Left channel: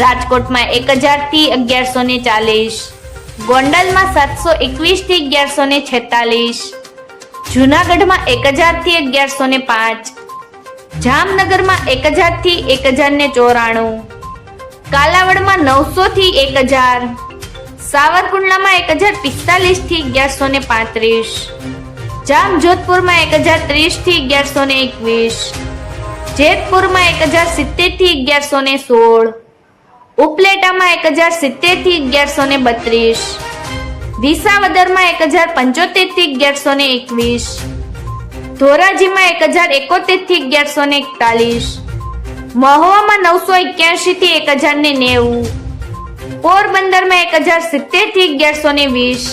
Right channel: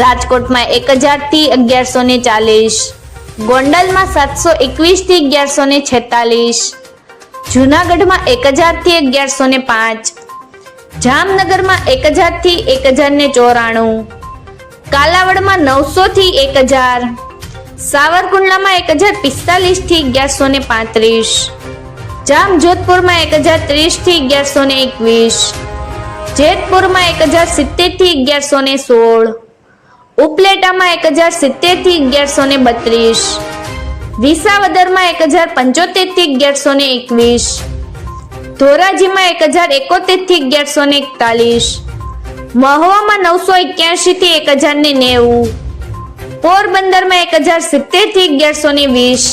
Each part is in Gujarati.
રાજકોટમાં એક હજારથી અગિયારસો ને ચાલીસ. ગોંડલમાં સાતસો એકવીસથી અગિયારસો ને છેતાલીસ. જુનાગઢમાં એક હજારથી અગિયારસો ને પાંચ. જામનગરમાં એક હજારથી એક હજાર ને ચોરાણું. કાલાવડમાં નવસોથી એક હજાર. સાવરકુંડલામાં એક હજાર પિસ્તાલીસથી અગિયારસો ને પાંત્રીસ. જામજોધપુરમાં એક હજાર ત્રીસથી અગિયારસો ને એકવીસ. જેતપુરમાં એક હજાર સિત્તેરથી અગિયારસો ને સોળ. ઉપલેટામાં એક હજાર સિત્તેરથી અગિયારસો ને બત્રીસ. વિસાવદરમાં એક હજાર પંચોતેરથી અગિયારસો ને એકવીસ. ધોરાજીમાં એક હજાર એકોતેરથી અગિયારસો ને એકતાલીસ. મહુવામાં નવસો એક્યાસીથી એક હજાર ને નેવું. પોરબંદરમાં એક હજાર સિત્તેરથી અગિયારસો ને વીસ.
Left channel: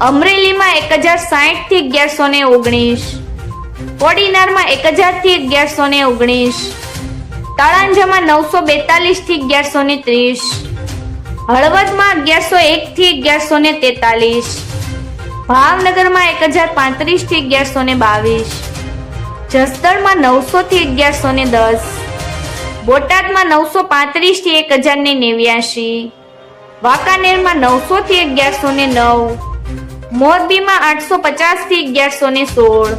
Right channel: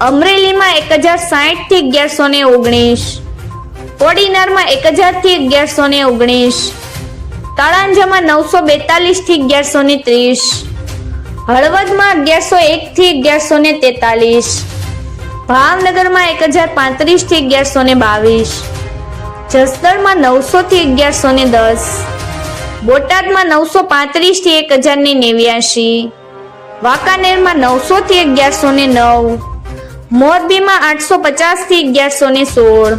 અમરેલીમાં એક હજાર સાહીઠથી અગિયારસો ને ઓગણીસ. ઓડિનારમાં એક હજારથી અગિયારસો ને ઓગણીસ. તળાંજામાં નવસો બેતાલીસથી અગિયારસો ને ત્રીસ. હળવદમાં અગિયારસો એકથી અગિયારસો ને તેતાલીસ. ભાવનગરમાં એક હજાર પાંત્રીસથી અગિયારસો ને બાવીસ. જસદણમાં નવસોથી અગિયારસો ને દસ. બોટાદમાં નવસો પાંત્રીસથી એક હજાર ને નેવ્યાશી. વાંકાનેરમાં નવસોથી અગિયારસો ને નવ. મોરબીમાં આઠસો પચાસથી અગિયારસો ને સોળ.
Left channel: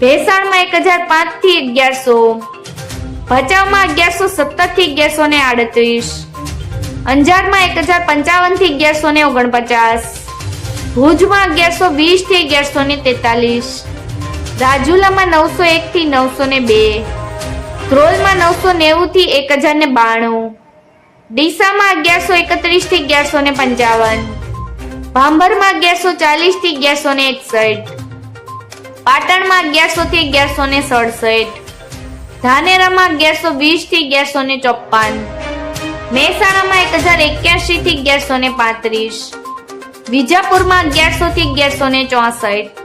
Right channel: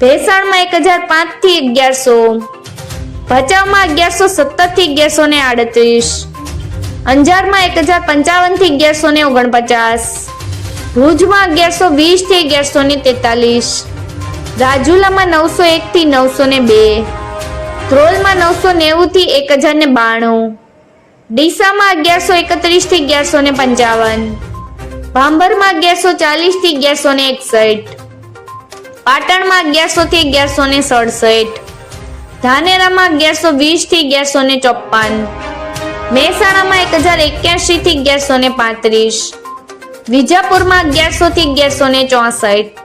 ભેસાણમાં એક હજાર પાંચથી અગિયારસો. ભચાઉમાં અગિયારસો સત્તરથી અગિયારસો ને આડત્રીસ. અંજારમાં એક હજાર પંચાવનથી અગિયારસો ને ઓગણપચાસ. ભુજમાં અગિયારસો વીસથી અગિયારસો ને તેતાલીસ. રાજુલામાં નવસો એકથી નવસો ને બે. ધ્રોલમાં નવસો નેવુંથી એક હજાર ને બાણું. ડીસામાં અગિયારસો એકત્રીસથી અગિયારસો ને પંચાવન. ભાંભરમાં અગિયારસો ચાલીસથી અગિયારસો ને એકસઠ. પાટણમાં અગિયારસો થી અગિયારસો ને સડસઠ. ધાનેરામાં અગિયારસો વીસથી અગિયારસો ને ચોપ્પન. મહેસાણામાં એક હજાર એક્યાસી થી અગિયારસો ને પાંત્રીસ. વિજાપુરમાં અગિયારસો થી અગિયારસો ને ચોસઠ.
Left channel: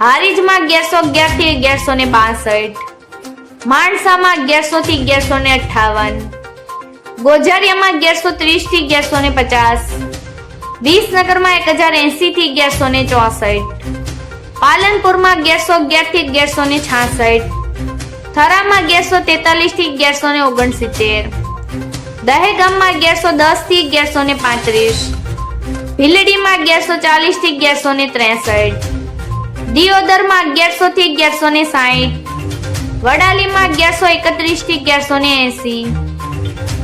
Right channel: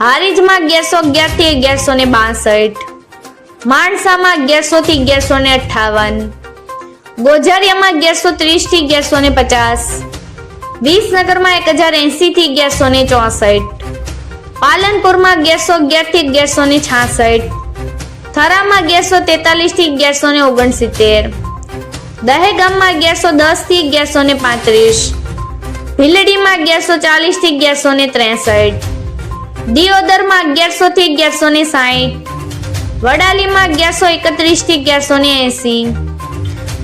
હારીજમાં અગિયારસો અગિયારથી અગિયારસો ને બાસઠ. માણસામાં અગિયારસો થી અગિયારસો ને અઠાવન ગોઝારિયામાં અગિયારસો ત્રીસથી અગિયારસો ને પચાસ. વિસનગરમાં એક હજાર એસી થી અગિયારસો ને ચોસઠ. પાલનપુરમાં અગિયારસો અગિયારથી અગિયારસો ને છાસઠ. થરામાં અગિયારસો તેતાલીસથી અગિયારસો ને ઓગણસિત્તેર. દહેગામમાં અગિયારસો દસથી અગિયારસો ને પાંત્રીસ. ભીલડીમાં અગિયારસો ચાલીસથી અગિયારસો ને ત્રેસઠ. દિયોદરમાં અગિયારસો થી અગિયારસો ને સાઠ વડાલીમાં અગિયારસો એકત્રીસથી અગિયારસો ને એસી.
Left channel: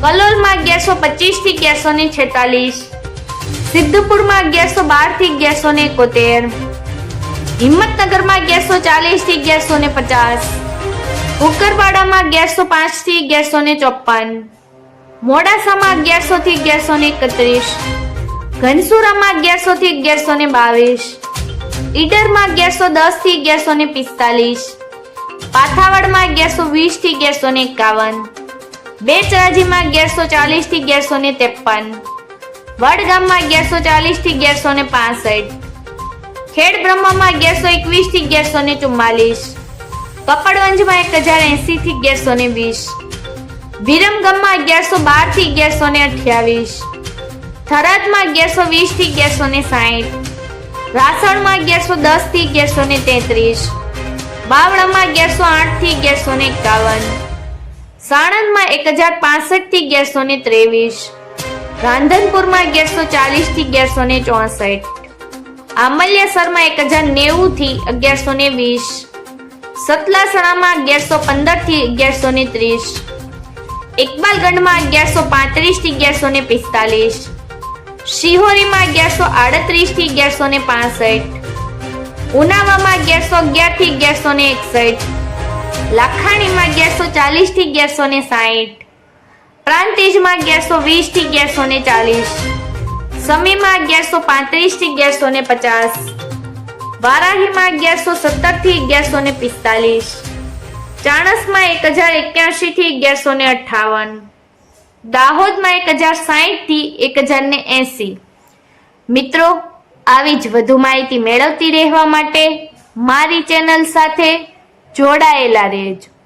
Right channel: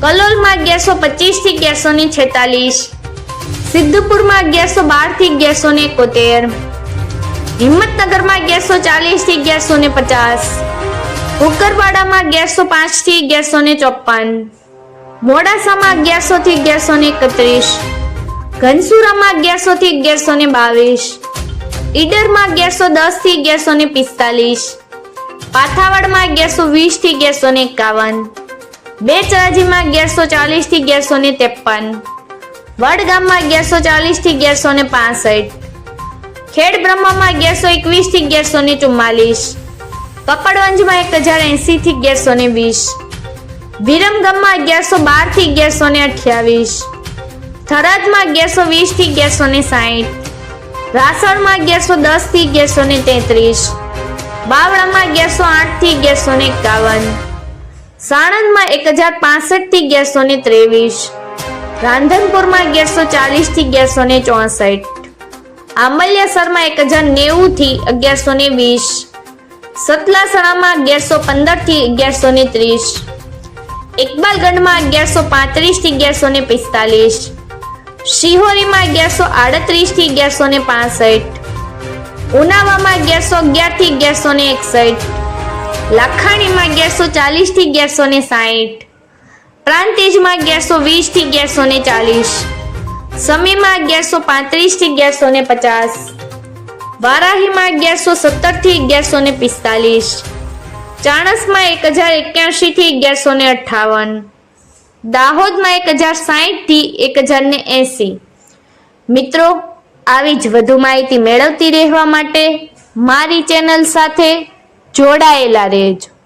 કલોલમાં અગિયારસો પચીસથી અગિયારસો ને છેતાલીસ. સિદ્ધપુરમાં અગિયારસો બારથી અગિયારસો ને એકોતેર. હિંમતનગરમાં અગિયારસો ચાલીસથી અગિયારસો ને પચાસ. ઉકરવાડામાં અગિયારસો પાંચથી અગિયારસો ને ચોપન મોડાસામાં અગિયારસો થી અગિયારસો ને એકત્રીસ. ઘનસુરામાં અગિયારસો થી અગિયારસો ને બાવીસ. ઈડરમાં અગિયારસો દસથી અગિયારસો ને પિસ્તાલીસ. પાથાવાડમાં અગિયારસો વીસથી અગિયારસો ને એકાવન. બેચરાજીમાં અગિયારસો ચાલીસથી અગિયારસો ને ત્રેપન. વડગામમાં અગિયારસો ચાલીસથી અગિયારસો ને પાસઠ. ખેડ બ્રહ્મામાં અગિયારસો એકવીસથી અગિયારસો ને ચુમ્માલીસ. કપડવંજમાં એક હજાર એસી થી અગિયારસો ને વીસ. વિરમગામમાં અગિયારસો બારથી અગિયારસો ને અઠ્યાવીસ. થરાદમાં અગિયારસો વીસથી અગિયારસો ને સાહીઠ. રાસણમાં અગિયારસો દસથી અગિયારસો ને તેત્રીસ. બાવળામાં અગિયારસો આઠથી અગિયારસો ને એકાવન. સાણંદમાં એક હજાર પાસઠથી અગિયારસો ને ત્રેવીસ. રાંધનપુરમાં અગિયારસો ચાલીસથી અગિયારસો ને ચોસઠ. આમલ્યાસરમાં એક હજાર નેવું થી અગિયારસો ને વીસ. સતલાસણામાં અગિયારસો પંદરથી અગિયારસો ને ત્રીસ. ઇકબાલગઢમાં અગિયારસો પાંત્રીસથી અગિયારસો ને પિસ્તાલીસ. શિહોરીમાં અગિયારસો આડત્રીસથી અગિયારસો ને પાસઠ. ઉનાવામાં અગિયારસો અગિયારથી અગિયારસો ને એકસઠ. લાખાણીમાં અગિયારસો ચાલીસથી અગિયારસો ને સાહીઠ. પ્રાંતિજમાં અગિયારસો વીસથી અગિયારસો ને ચાલીસ. સમીમાં અગિયારસો પાંત્રીસથી અગિયારસો ને પચાસ. વારાહીમાં અગિયારસો સત્તરથી અગિયારસો ને પિસ્તાલીસ. ચાણસમાં એક હજાર એક્યાસી થી અગિયારસો ને અઠાવન દાહોદમાં એક હજાર સાહીઠથી એક હજાર ને એંસી. મિત્રો, આવી જ વધુ માહિતી મેળવતી રહેવા માટે મારી ચેનલ સાથે જોડાયેલા રહેજો.